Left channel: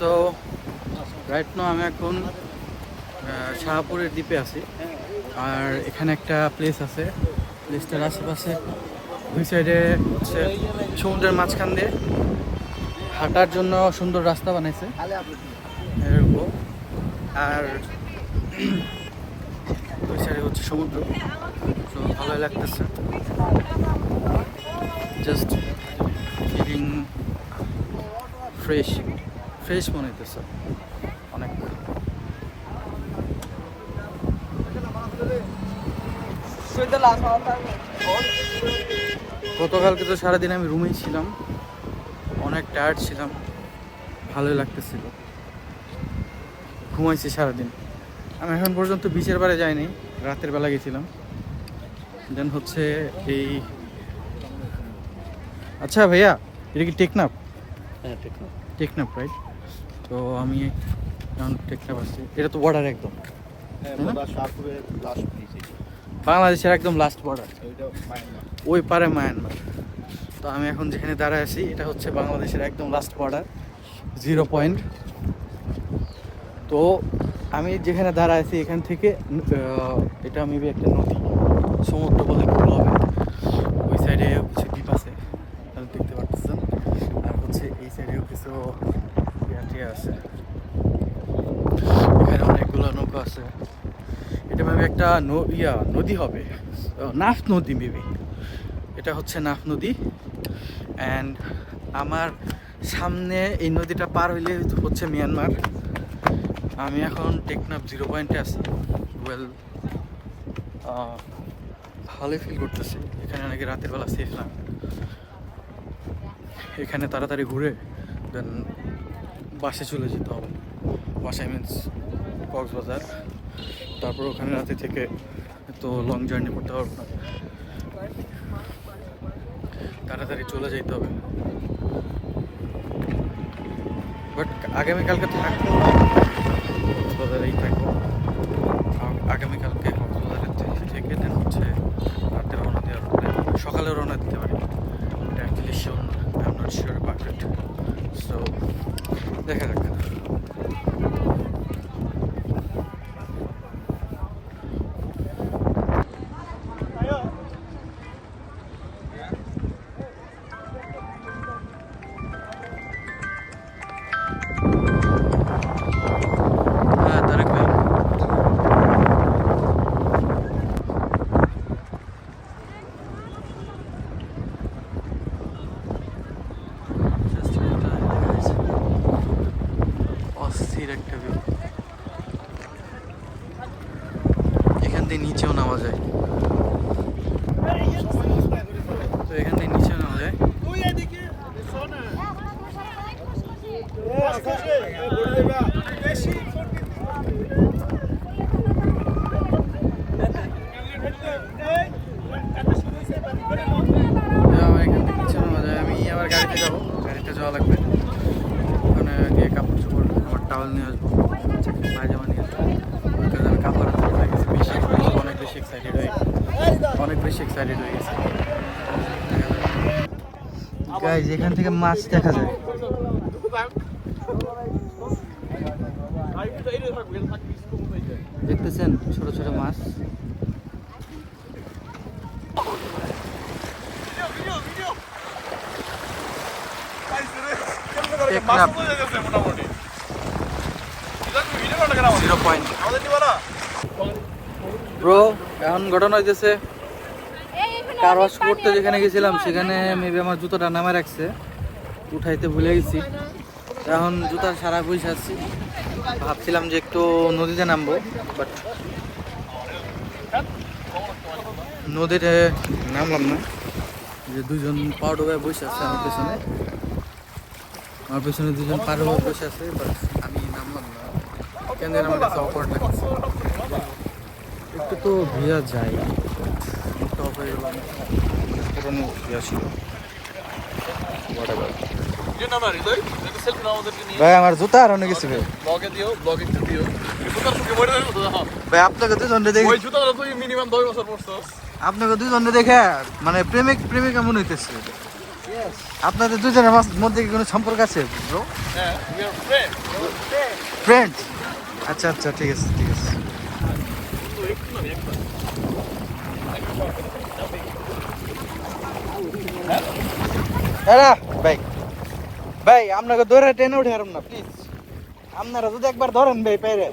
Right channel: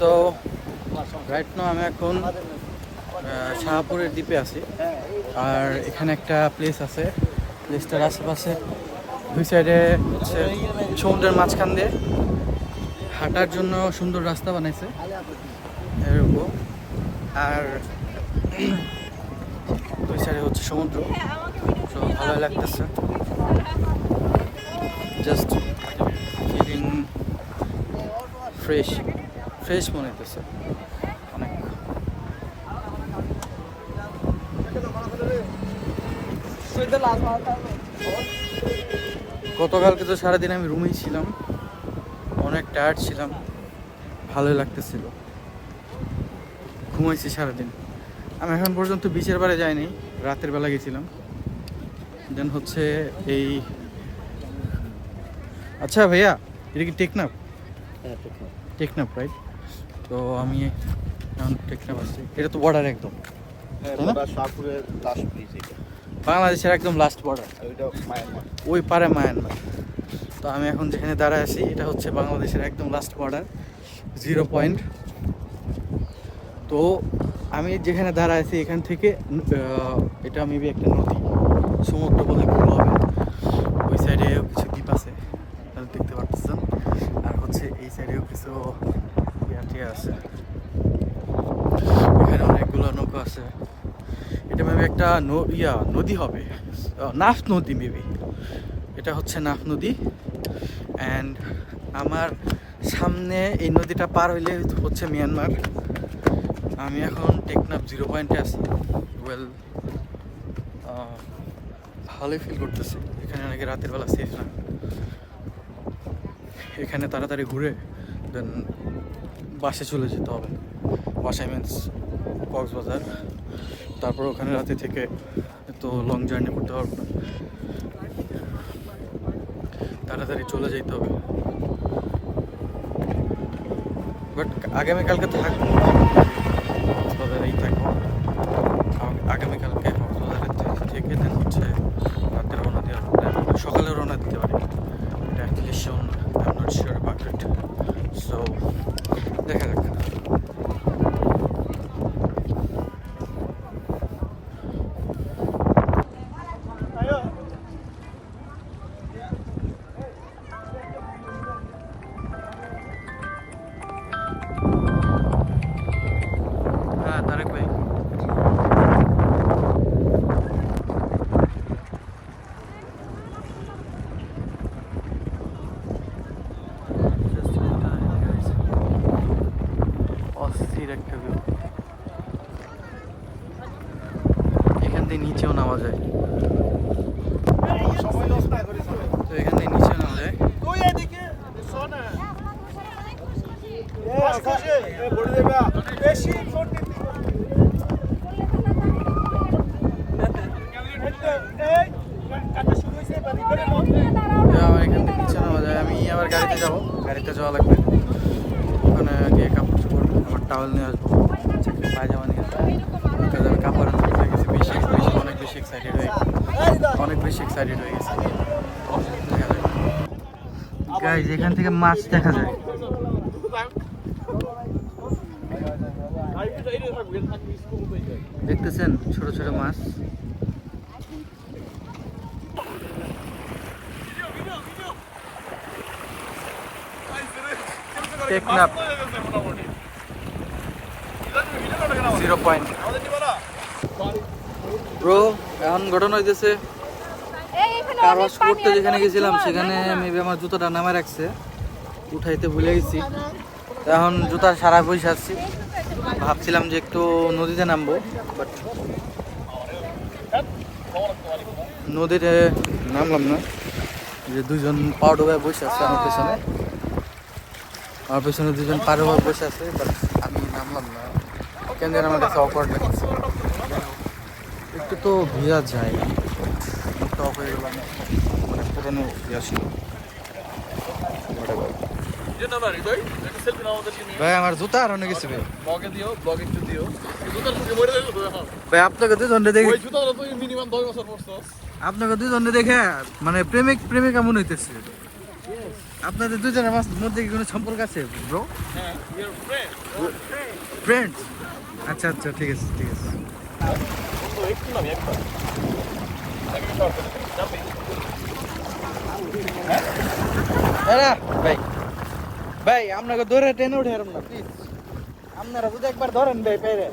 তো right now আমি এখন শাহপুরের দ্বীপে আছি। আর এখানে একটা প্লেস আছে, প্লেসটার আশেপাশে দুই সাইডে হচ্ছে সমুদ্রের মাঝখান দিয়ে হাঁটার জন্য সুন্দর রাস্তা বানাইছে এরকম। আর দুই সাইডে হচ্ছে সমুদ্র, তো ভালোই লাগতেছে। জাস্ট ফিলিং ফ্রেশ ফ্রেশ মনে হইতেছে অনেক। গতকালকে তো সারাদিন আমি রুমেই ছিলাম, অনেক টায়ার্ড ছিলাম, ভালোই লাগতেছিল, ঘুমাইছি সারাদিন। আমি এখন পর্যন্ত বিচের পাড়ে যাইনি, রাতের বেলা গেছিলাম। দেন হচ্ছে এই আচ্ছা ভাইয়া, এটা কি টেকনাফ? টেকনাফ রাইট। তো আমি এখন টেকনাফ আসছি, এটা তো বর্ডার একদম বাংলাদেশের একদম লাস্ট বর্ডার, ওই পারে মায়ানমার। তো আমি এখন যেখানে দাঁড়ায় আছি এটা হচ্ছে বাংলাদেশের একদম লাস্ট বর্ডার, 0 পয়েন্ট। তো আমি যেখানে দাঁড়ায় আছি এখান থেকে এটা মেবি একটা নদী, সমুদ্র বলে ভুল হবে। ওই সাইডে হচ্ছে দ্বীপ আছে, দেখতে পাচ্ছেন। আর হচ্ছে এই সাইডেও কিছু ইয়াতে আছে, এখানে অনেকগুলো নৌকা আছে। এটা মেবি একটা নদী হবে, নাফ নদী মেবি, এটা হচ্ছে নাফ নদী। অ্যান্ড আমার সামনে এই নদীটা পার হইলে হচ্ছে মিয়ানমার। আমি এখন টেকনাফ 0 পয়েন্টে আছি। ওয়েল, ভালোই ফিল করতেছি। এখানে নাকি রাতের বেলা সেফ না, এখানে তাড়াতাড়ি ঘুরে দেন বাসায় চলে যেতে হবে। বাসায় মিন্স কক্সবাজার, তারপর ওখানে রাতে থেকে তো লং জার্নি করতে পারবো না, তাড়াতাড়ি চলে যেতে হবে। বাট আগামীকালকে থাকবো কক্সবাজারেই থাকবো। আগামীকালকে কক্সবাজারের থেকে দেন হচ্ছে রাতে রওনা দেওয়া, সকালে রওনা দিতে পারি। Actually sure, I am not sure about it. So দেখা যাক। হ্যাঁ তারেক ভাই, অস্থির একটা ভিউ। এখান থেকে নিচেও নামা যায়, তো এখান থেকে নিচেও নামা যায়। আমার এখান থেকে নিচে নামা যায়। আমি আবার গাড়িতে যাবো, গাড়িতে যাওয়া লাগবে। ওখানে গিয়ে কাপড় চোপড়, আমার টাওয়েল নিয়ে আসবো, পায়জামা নিয়ে আসবো। আমি কাপড় হাতে হয়ে গেছে, অনেক বেশি এক্সাইটেড হয়ে গেছে। গাইজ এখান থেকে মাছ দেখা যায়, দেখতেছেন ছোট ছোট মাছ। টেকনাফ 0 পয়েন্ট। ব্রো এখন ঘটনা হইতেছে, কার ওয়াশ করতে যেখানে গেছিলাম সেখানে মেবি আমার জুতোটা নামে রাখছে, উঠাইতে ভুলে গেছি। এখন জুতার সারা বসে আসছি, ভাবছিলাম যে একটু নদীতে নামবো, বাট নদীতে নামলাম না। যে দুজন পাও ডোবায় বসে আছে আমার পেছনে দুজন পার ডোবায় বসে আছে, বাট আমি নামলাম না কেন যেন আমার কাছে অকওয়ার্ড লাগছে। একটু তো ভিজা যায়, টপ হয়ে গেলাম, অনেক পুরোনো ভিজা ছিল। ভাই আমার জুতা আর অনেক গেছে ভাই, ভাই আপনাকে দুজনে দেখে, আপনাকে দুজনে দেখে মানে প্রেমিকা মনে হইতেছে। আপনাদের দুজনের মধ্যে কি কোনো সম্পর্ক আছে ব্রো? হ্যাঁ, we are friends. ফ্রেন্ড? আচ্ছা আচ্ছা, ঠিক আছে ঠিক আছে। বন্ধু একটু না একবার। দাঁড়া ভাই, ভাই আপনাকে ধরে টেনে উঠে আরাম না প্লিজ। আপনারা যদি একবার ধরেন ভাই পেরে।